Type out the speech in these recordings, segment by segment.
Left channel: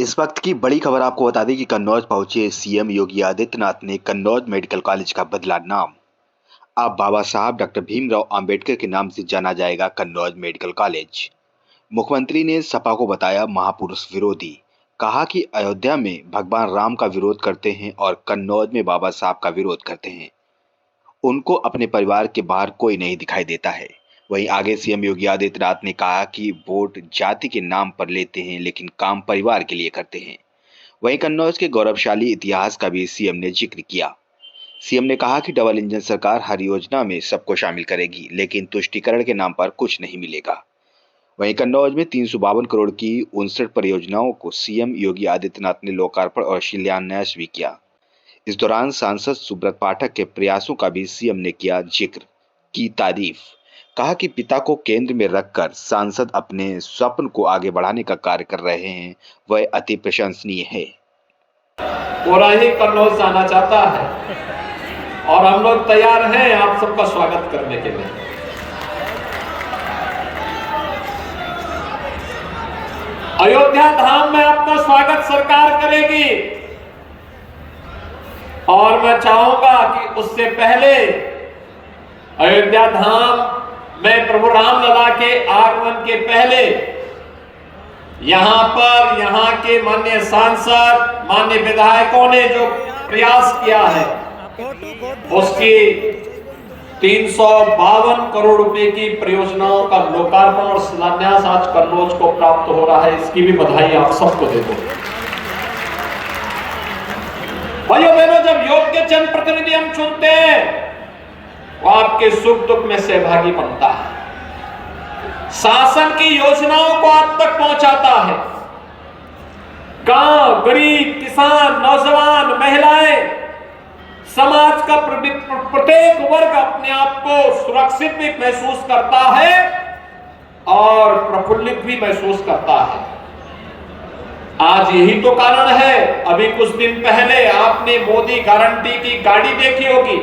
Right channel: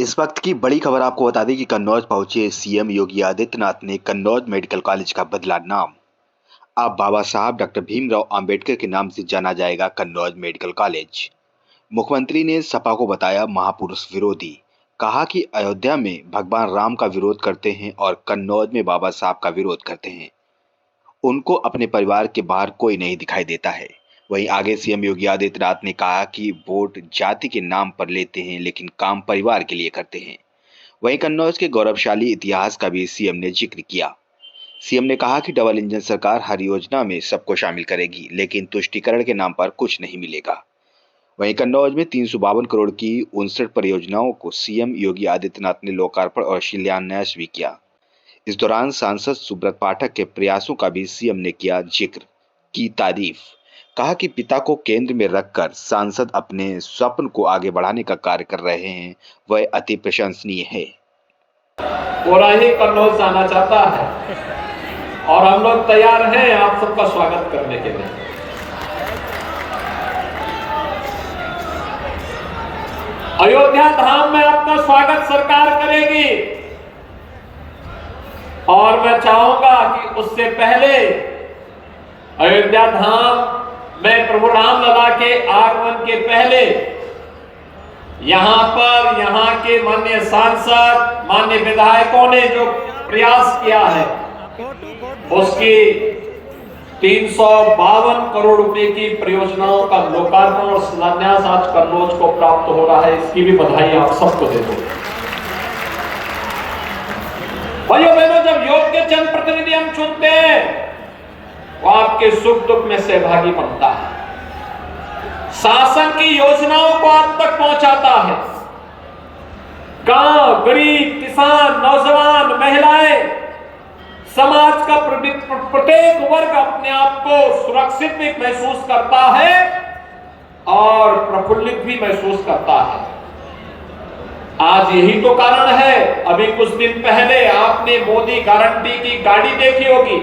इस वक्त की बड़ी खबर आपको बता दें कि कन्नौज पहुंचे सीएम योगी आदित्यनाथ ने कन्नौज मेडिकल कॉलेज का बदला नाम। अब बाबा साहब डॉक्टर भीमराव अंबेडकर के नाम से जाना जाएगा कन्नौज मेडिकल कॉलेज। मुख्यमंत्री ने सपा को बताया महापुरुष विरोधी। कहा कि अयोध्या में भगवान राम का विरोध करते हैं और कन्नौज में बाबा साहब का विरोध करते हैं। उनको अपने परिवार के बाहर कोई नहीं दिखाई देता है। वहीं आगे सीएम योगी आदित्यनाथ ने कहा कि वोट जाति के नाम पर लेते हैं लेकिन काम परिवार के लिए करते हैं। वहीं कन्नौज के गौरवशाली इतिहास का भी सीएम ने जिक्र किया। सीएम ने कहा कि डबल इंजन सरकार हर योजना में सबको शामिल करेगी लेकिन तुष्टीकरण के नाम पर कुछ नहीं मिलेगा। वहीं कन्नौज में 352 करोड़ की 59 परियोजनाओं को सीएम योगी आदित्यनाथ ने लोकार्पण और शिलान्यास भी किया। इस दौरान सांसद सुब्रत पाठक के प्रयासों का भी सीएम ने किया जिक्र, की तारीफ। कहा कि पिता को केंद्र में रखकर सांसद अपने स्वप्न को आगे बढ़ाने का कार्य कर रहे हैं, वह अति प्रशंसनीय है। पूरा ही कन्नौज जाना चाहता है और हम लोग तैयार हैं आप सबका स्वागत करने के लिए। अयोध्या धाम में आपका स्वागत सरकार करेगी और मैं चाहूंगा कि उससे पहले अयोध्या धाम में प्रभु रामलला के आगमन के पहले यहाँ के माननीय सांसद, माननीय विधायकों ने जो प्रयास किया है उसकी 352 करोड़ रुपए की परियोजनाओं का लोकार्पण और शिलान्यास आज कन्नौज को प्राप्त हो रहा है। इसकी भी बधाई आप सबको दे दो। भाइयों बहनों, जब योग्य जनप्रतिनिधि हम चुनते हैं वो आपके सुख दुख में सहभागी बनता है, शासन की योजनाओं को आप तक पहुंचाता है। गांव, गरीब, किसान, नौजवान, महिलाएं, समाज का प्रत्येक वर्ग अपने आप को सुरक्षित भी महसूस करता है और प्रफुल्लित भी महसूस करता है। आज यही तो कारण है, अभी कुछ दिन पहले आपने मोदी गारंटी की गाड़ी देखी होगी,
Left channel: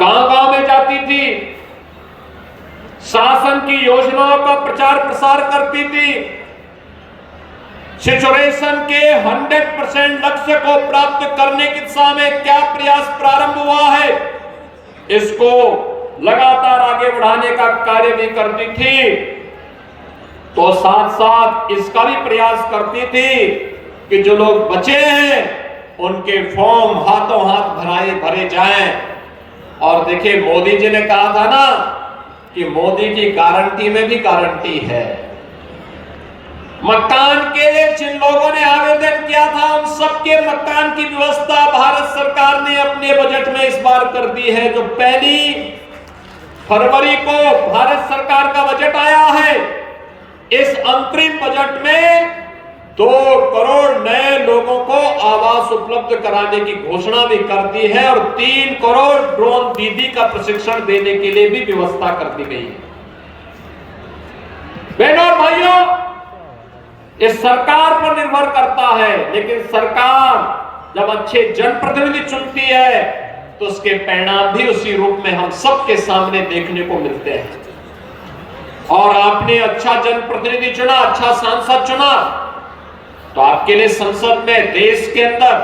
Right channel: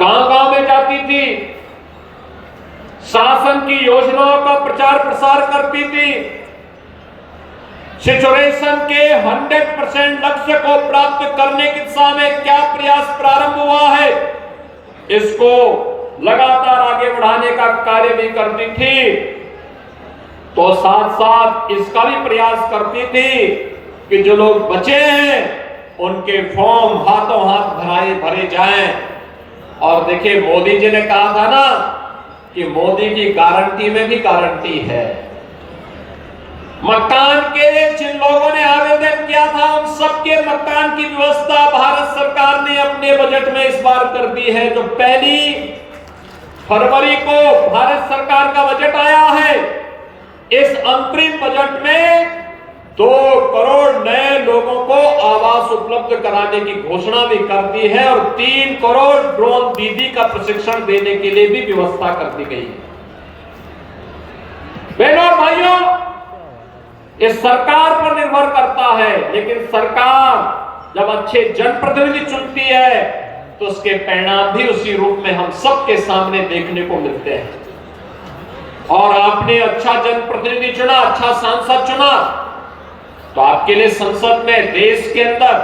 गांव-गांव में जाती थी, शासन की योजनाओं का प्रचार प्रसार करती थी, सिचुएशन के 100% लक्ष्य को प्राप्त करने की दिशा में क्या प्रयास प्रारंभ हुआ है इसको लगातार आगे बढ़ाने का कार्य भी करती थी, तो साथ साथ इसका भी प्रयास करती थी कि जो लोग बचे हैं उनके फॉर्म हाथों हाथ भरे जाएं। और देखिए, मोदी जी ने कहा था ना कि मोदी की गारंटी में भी गारंटी है। मकान के लिए जिन लोगों ने आवेदन किया था उन सबके मकान की व्यवस्था भारत सरकार ने अपने बजट में इस बार कर दी है। जो 1 फरवरी को भारत सरकार का बजट आया है, इस अंतरिम बजट में 2 करोड़ नए लोगों को आवास उपलब्ध कराने की घोषणा भी कर दी है और 3 करोड़ ड्रोन दीदी का प्रशिक्षण देने के लिए भी व्यवस्था कर दी गई है। बहनों और भाइयों, इस सरकार पर निर्भर करता है, लेकिन सरकार जब अच्छे जनप्रतिनिधि चुनती है तो उसके परिणाम भी उसी रूप में हम सबके सामने देखने को मिलते हैं। और आपने अच्छा जनप्रतिनिधि चुना, अच्छा सांसद चुना, तो आपके लिए संसद में, देश के अंदर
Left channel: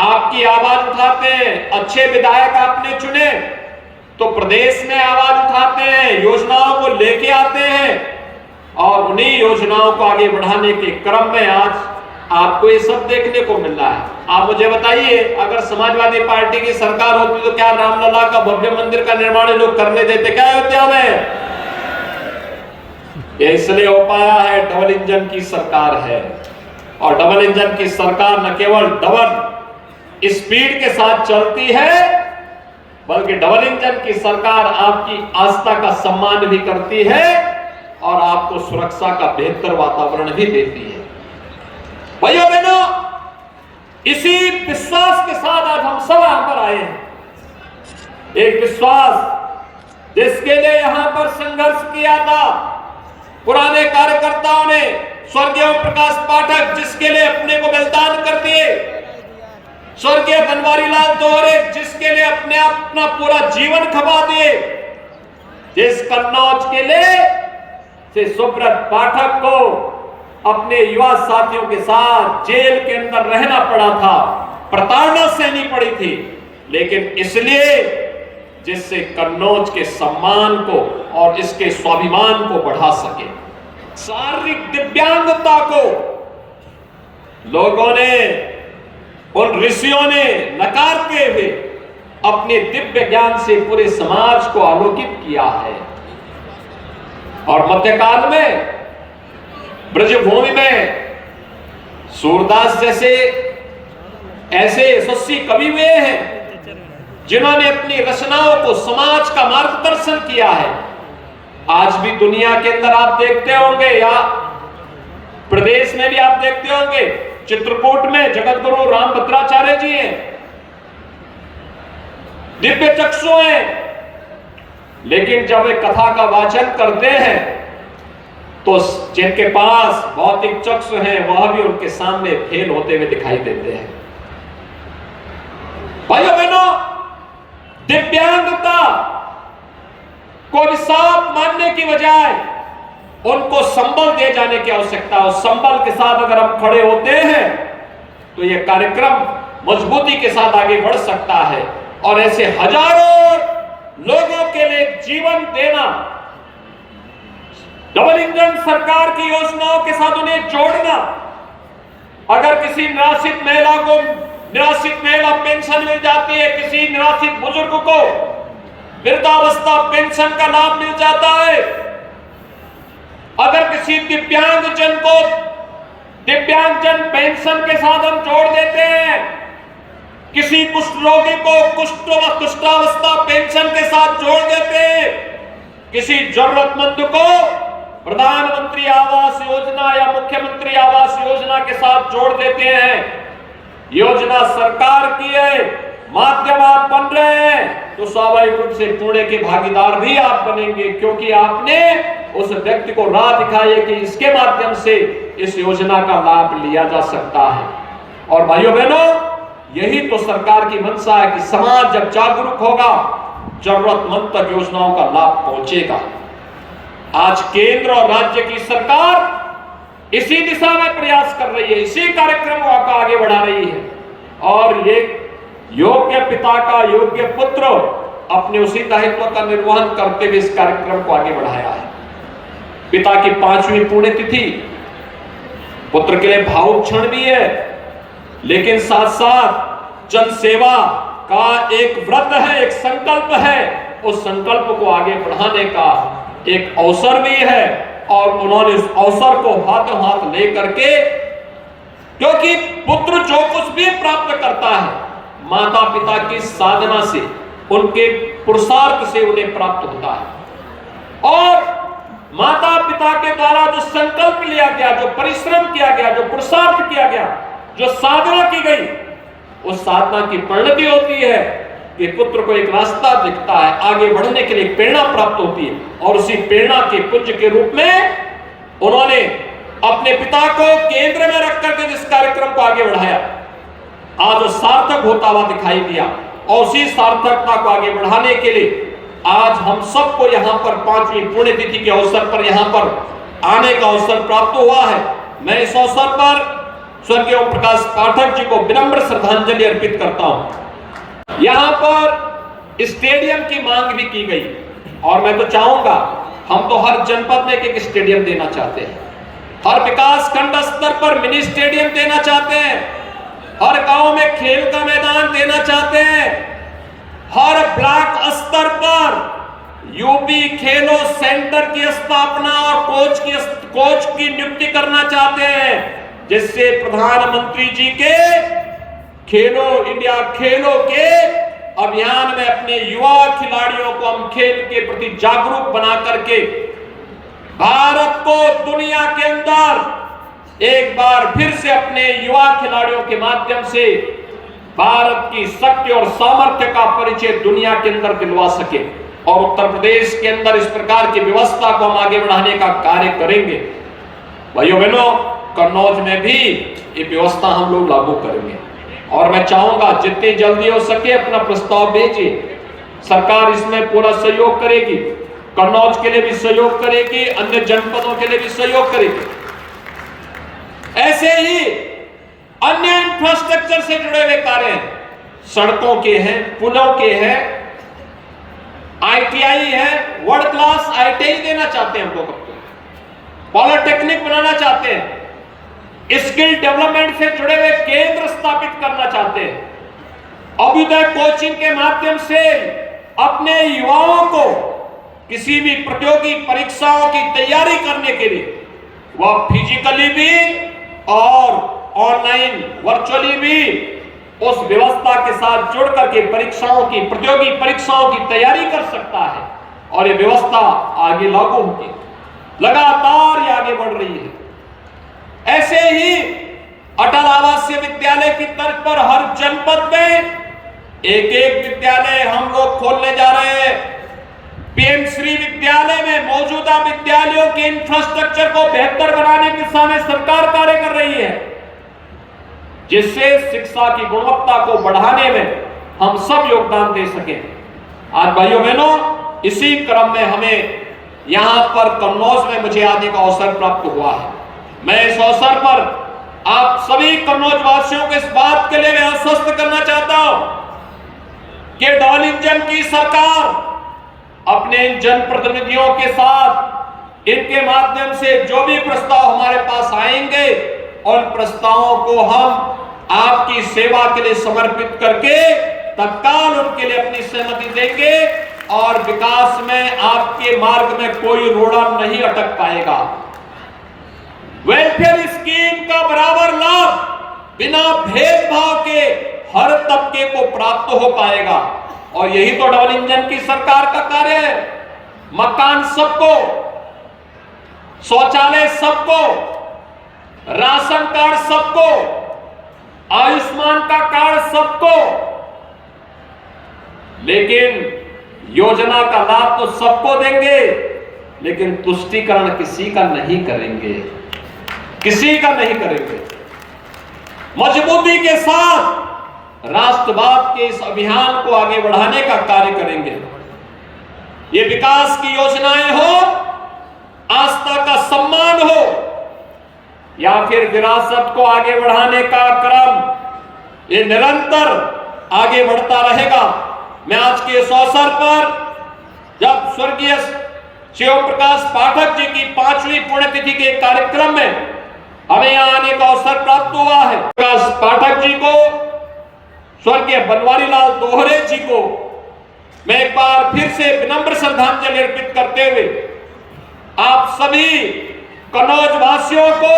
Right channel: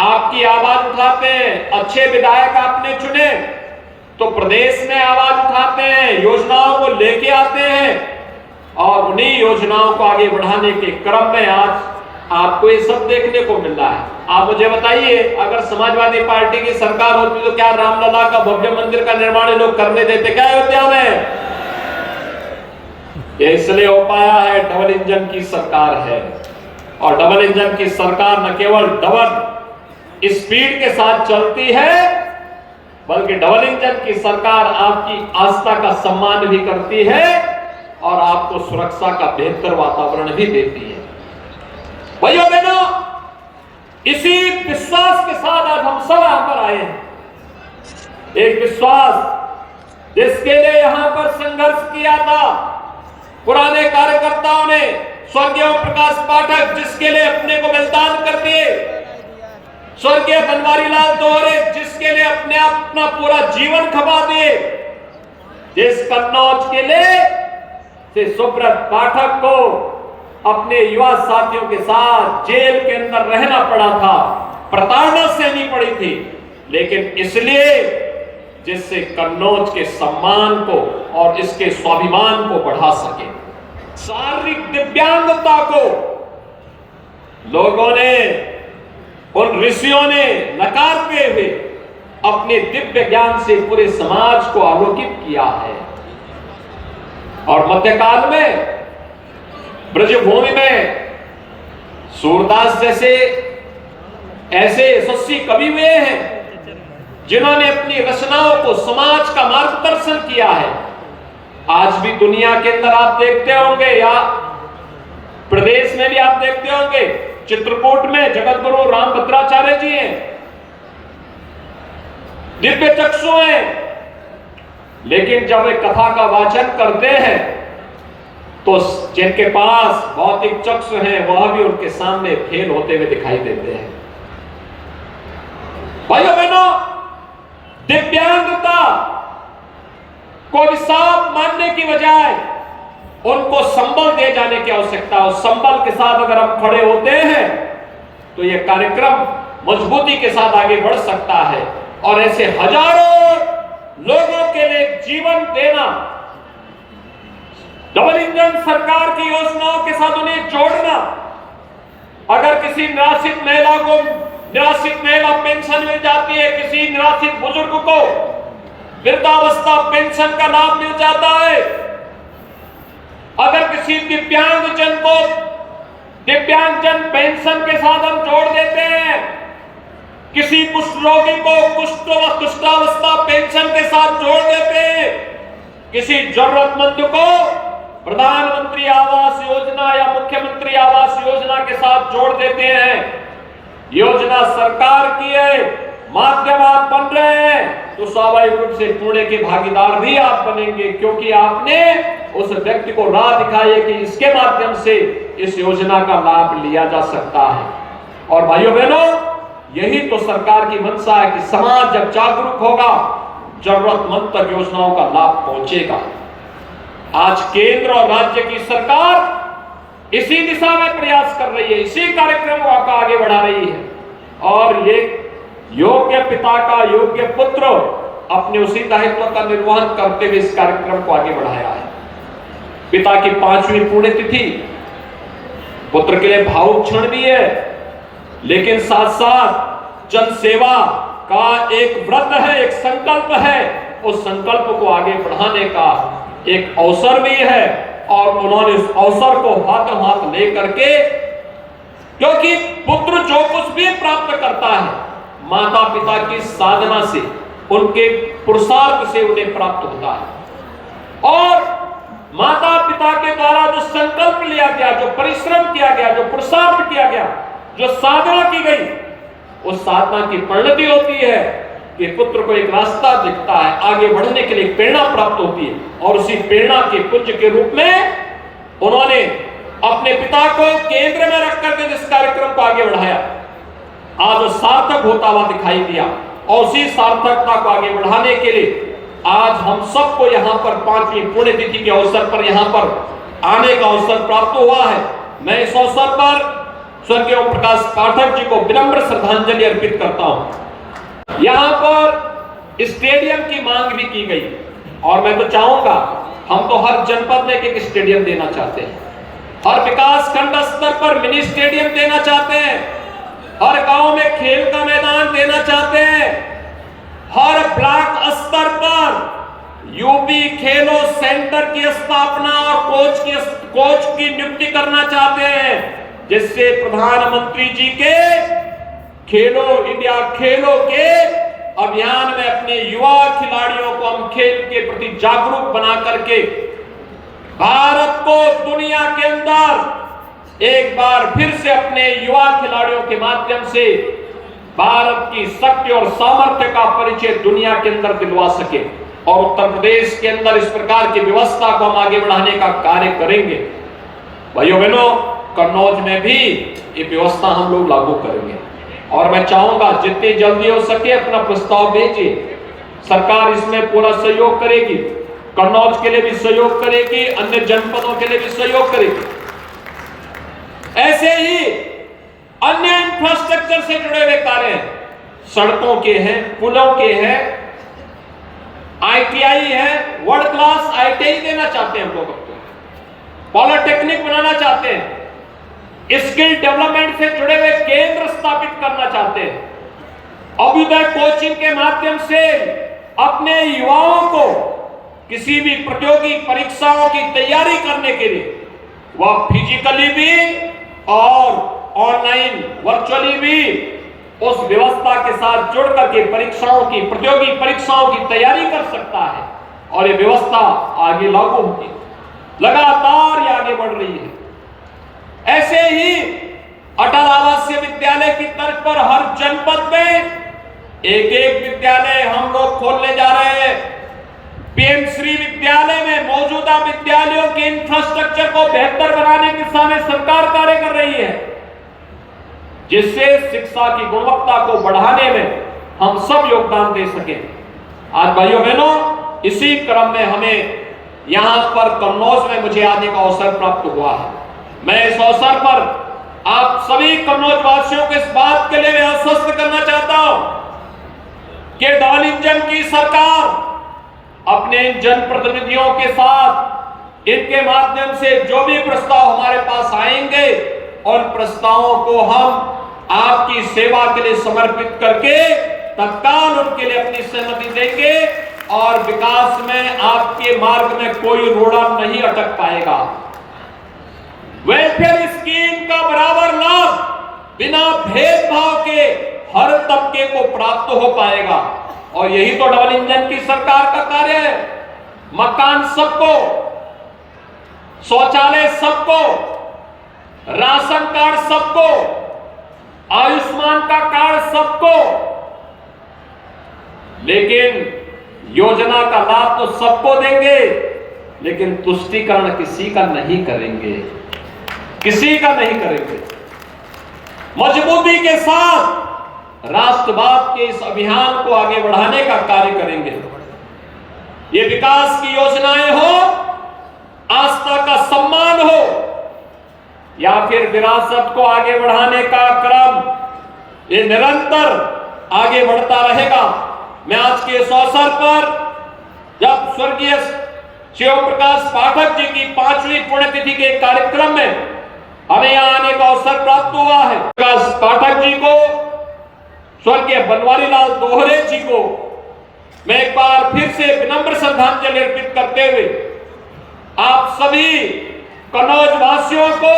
आपकी आवाज उठाते हैं। अच्छे विधायक आपने चुने तो प्रदेश में आवाज उठाते हैं, योजनाओं को लेके आते हैं और उन्हीं योजनाओं को आगे बढ़ाने के क्रम में आज आपको ये सब देखने को मिल रहा है। आप मुझे बताइए, अगर समाजवादी पार्टी की सरकार होती तो क्या रामलला का भव्य मंदिर का निर्माण लोग करने देते क्या अयोध्या में? ये इसलिए हो पाया है, डबल इंजन की सरकार है। और डबल इंजन की सरकार न केवल डबल स्पीड के साथ चलती है, बल्कि डबल इंजन की सरकार आपकी आस्था का सम्मान भी करती है और आपको सुरक्षा का बेहतर वातावरण भी देती है। भाइयों बहनों, इसी विश्वास के साथ आज हम सब यहां पर आए हैं। एक विश्वास जिसके लिए यहां पर संघर्ष किया था पुराने कार्यकर्ताओं ने, स्वर्गीय प्रकाश पाठक जिसके लिए अपने को बलिदान कर दिए, स्वर्गीय बनवारी लाल दोहरे जिसके लिए अपना पूरा जीवन खपा दिए, जिस कन्नौज के लिए से सुब्रत पाठक को अपने युवा साथियों के साथ जेल के अंदर रहना पड़ा था, प्रताड़ना सहनी पड़ी थी, लेकिन इसलिए जिससे कन्नौज के सम्मान को और इसके स्वाभिमान को बढ़ा सके। शारीरिक दिव्यांगता को लोगों ने, उन ऋषियों ने नकारते हुए अपने दिव्य ज्ञान से पूरे समाज को आलोकित किया है। और मध्यकाल में ब्रजभूमि में सूरदास जैसे ऐसे यशस्वी कवि हुए हैं जिन्होंने अपनी रचनाओं को समाज का मार्गदर्शन किया है। आज भी दुनिया के अंदर आप देखते होंगे या प्रदेश में भी आप देखते होंगे, चित्रकूट में जगत गुरु रामभद्राचार्य जी हैं, दिव्य चक्षु हैं, लेकिन जब वे कथा का वाचन करते हैं तो जिनके पास भौतिक चक्षु हैं वह भी उनके सामने फेल होते हुए दिखाई देते हैं। भाइयों बहनों, दिव्यांगता को अभिशाप मानने की बजाय उनको संबल दे जाने की आवश्यकता है। उस संबल के साथ अगर हम खड़े होते हैं तो यह कार्यक्रम मजबूती के साथ आगे बढ़ सकता है और ऐसे हजारों लोगों के लिए जीवन देना, डबल इंजन सरकार की योजनाओं के साथ उन्हें जोड़ना। अगर किसी निराश्रित महिला को निराश्रित महिला पेंशन मिल जाती है, किसी निराश्रित बुजुर्ग को वृद्धावस्था पेंशन का लाभ मिल जाता है, अगर किसी दिव्यांगजन को दिव्यांगजन पेंशन के साथ हम जोड़ देते हैं, किसी कुष्ठ रोगी को कुष्ठावस्था पेंशन के साथ जोड़ देते हैं, किसी जरूरतमंद को प्रधानमंत्री आवास योजना या मुख्यमंत्री आवास योजना के साथ जोड़ देते हैं, योजना सरकार की है, माध्यम आप बन रहे हैं, तो स्वाभाविक रूप से पुणे के भागीदार भी आप बनेंगे, क्योंकि आपने उस व्यक्ति को राह दिखाई है कि इसके माध्यम से इस योजना का लाभ लिया जा सकता है। और भाइयों बहनों, यही तो सरकार की मंशा है कि समाज जब जागरूक होगा, जरूरतमंद तक योजनाओं का लाभ पहुंचेगा। आज केंद्र और राज्य की सरकार इसी दिशा में प्रयास कर रही है, इसी कार्यक्रम को आगे बढ़ा रही है, और ये योग्य पिता का योग्य पुत्र अपने उसी दायित्व का निर्वहन करते हुए इस कार्यक्रम को आगे बढ़ाया है। पिता की 5वीं पुण्यतिथि पुत्र के लिए भावुक क्षण भी है, लेकिन साथ साथ जन सेवा का एक व्रत है, एक संकल्प है, उस संकल्प को आगे बढ़ाने का एक अवसर भी है। और उन्होंने इस अवसर को हाथों हाथ लेकर के, क्योंकि पुत्र जो कुछ भी प्राप्त करता है माता पिता की साधना से, उनके पुरुषार्थ से उन्हें प्राप्त होता है। और माता पिता के द्वारा जो संकल्प लिया गया, जो परिश्रम किया गया, जो पुरुषार्थ किया गया, जो साधना की गई, उस साधना की परिणति होती है कि पुत्र को एक रास्ता दिखता है, आगे बढ़ने के लिए प्रेरणा प्राप्त होती है, और उसी प्रेरणा के पुंज के रूप में उन्होंने अपने पिता को केंद्र में रखकर के जिस कार्यक्रम को आगे बढ़ाया, आज वो सार्थक होता हुआ दिखाई दिया। और उसी सार्थकता को आगे बढ़ाने के लिए आज हम सबको यहाँ पर 5वीं पुण्यतिथि के अवसर पर यहाँ पर आने का अवसर प्राप्त हुआ है। मैं इस अवसर पर स्वर्गीय ओम प्रकाश पाठक जी को विनम्र श्रद्धांजलि अर्पित करता हूं। यहाँ पर स्टेडियम की मांग भी की गई, और मैं तो चाहूंगा, हम तो हर जनपद में एक स्टेडियम देना चाहते हैं, हर विकास खंड स्तर पर मिनी स्टेडियम देना चाहते हैं, हर गांव में खेल का मैदान देना चाहते हैं, हर ब्लॉक स्तर पर यूपी खेलो सेंटर की स्थापना और कोच की नियुक्ति करना चाहते हैं, जिससे प्रधानमंत्री जी के खेलो इंडिया खेलो के अभियान में अपने युवा खिलाड़ियों को हम खेल के प्रति जागरूक बना करके भारत को दुनिया के अंदर एक बार फिर से अपने युवा खिलाड़ियों के माध्यम से भारत की शक्ति और सामर्थ्य का परिचय दुनिया के अंदर दिलवा सके। और उत्तर प्रदेश के अंदर इस प्रकार की व्यवस्था को हम आगे बढ़ाने का कार्य करेंगे। भाइयों बहनों, कन्नौज में भी ये व्यवस्था हम लोग लागू करेंगे, और मैं चाहूंगा जितनी जल्दी हो सके अपना प्रस्ताव भेजिए, सरकार इसमें पूरा सहयोग करेगी, कन्नौज के लिए भी सहयोग करेगी, अन्य जनपदों के लिए भी सहयोग करेगी। ऐसे ही अन्य इंफ्रास्ट्रक्चर से जुड़े हुए कार्य सड़कों के हैं, पुलों के हैं, आईटीआई है, वर्ल्ड क्लास आईटीआई देना चाहते हैं, हम लोग पॉलिटेक्निक बनाना चाहते हैं, स्किल डेवलपमेंट से जुड़े हुए केंद्र स्थापित करना चाहते हैं, अभ्युदय कोचिंग के माध्यम से अपने युवाओं को किसी भी प्रतियोगी परीक्षाओं की तैयारी करने के लिए वह फिजिकली भी और ऑनलाइन वर्चुअली भी उस व्यवस्था के साथ जुड़ करके परीक्षाओं की, प्रतियोगी परीक्षाओं की तैयारी कर सकता है। और ये व्यवस्था आगे लागू होगी, लगातार ये आगे बढ़ रही है। ऐसे ही अटल आवासीय विद्यालय की तर्ज पर हर जनपद में एक एक विद्यालय हम लोग खोलने जा रहे हैं। पीएम श्री विद्यालय में मौजूदा विद्यालयों के इंफ्रास्ट्रक्चर को बेहतर बनाने की दिशा में सरकार कार्य कर रही है, जिससे शिक्षा की गुणवत्ता को बढ़ाने में हम सब योगदान दे सके। आज भाइयों बहनों, इसी क्रम में हमें यहां पर कन्नौज में मुझे आने का अवसर प्राप्त हुआ है। मैं इस अवसर पर आप सभी कन्नौज वासियों को इस बात के लिए मैं आश्वस्त करना चाहता हूं कि डबल इंजन की सरकार अपने जनप्रतिनिधियों के साथ इनके माध्यम से जो भी प्रस्ताव हमारे पास आएंगे, उन प्रस्तावों को हम आपकी सेवा के लिए समर्पित करके तत्काल उनके लिए अपनी सहमति देंगे और विकास में आपके मार्ग में कोई रोड़ा नहीं अटक पाएगा। वेलफेयर स्कीम का बराबर लाभ बिना भेदभाव के हर तबके को प्राप्त हो पाएगा और यही तो डबल इंजन की सरकार का कार्य है। मकान सबको, शौचालय सबको, राशन कार्ड सबको, आयुष्मान का कार्ड सबको, लेकिन योजना का लाभ तो सबको देंगे, लेकिन तुष्टीकरण किसी का नहीं करेंगे, किसी का नहीं करेंगे। मजबूती के साथ राष्ट्रवाद के इस अभियान को आगे बढ़ाने का कार्य करेंगे। ये विकास की योजनाएं हो, आस्था का सम्मान हो या फिर विरासत को आगे बढ़ाने का क्रम, ये निरंतर आगे बढ़ता रहेगा। मैं आज के इस अवसर पर जब स्वर्गीय शिव प्रकाश पाठक जी की 5वीं पुण्यतिथि के कार्यक्रम में हमें यहाँ आने का अवसर प्राप्त हुआ है, प्रकाश पाठक जी को, स्वर्गीय बनवारी लाल दोहरे जी को मैं एक बार फिर से विनम्र श्रद्धांजलि अर्पित करते हुए आप सभी कन्नौज वासियों को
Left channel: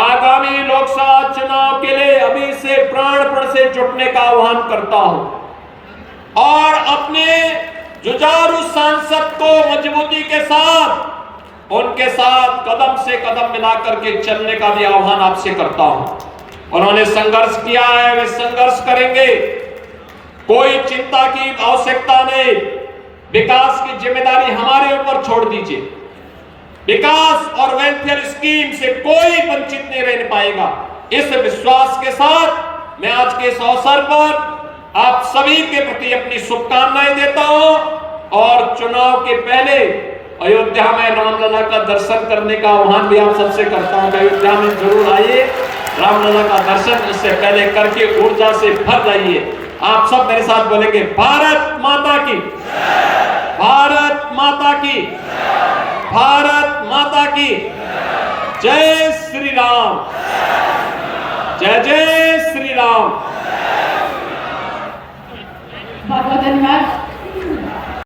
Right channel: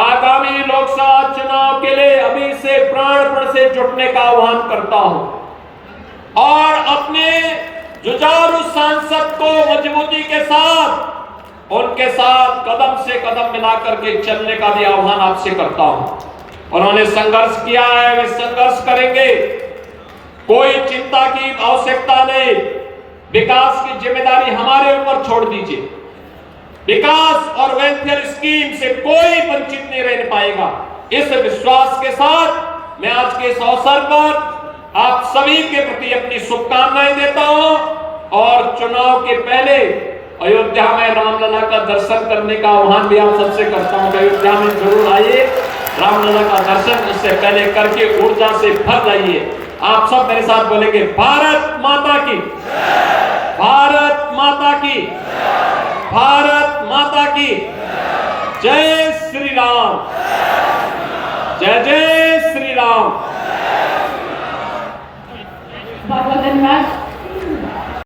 आगामी लोकसभा चुनाव के लिए अभी से प्राणपण से जुटने का आह्वान करता हूं और अपने जुझारू सांसद को मजबूती के साथ उनके साथ कदम से कदम मिलाकर के चलने का भी आह्वान आपसे करता हूं। उन्होंने संघर्ष किया है, वे संघर्ष करेंगे, कोई चिंता की आवश्यकता नहीं। विकास की जिम्मेदारी हमारे ऊपर छोड़ दीजिए। विकास और वेलफेयर स्कीम से कोई वंचित नहीं रह पाएगा। इस विश्वास के साथ मैं आज के इस अवसर पर आप सभी के प्रति अपनी शुभकामनाएं देता हूं और चुनाव के पहले अयोध्या में रामलला का दर्शन करने का आह्वान भी आप सबसे करता हूं। अयोध्या में जरूर आइए, रामलला का दर्शन उससे पहले करके ऊर्जा से भर जाइए। आप सब मेरे साथ बोलेंगे, भारत माता की, भारत माता की, भारत माता की, जय श्री राम, जय जय श्री राम।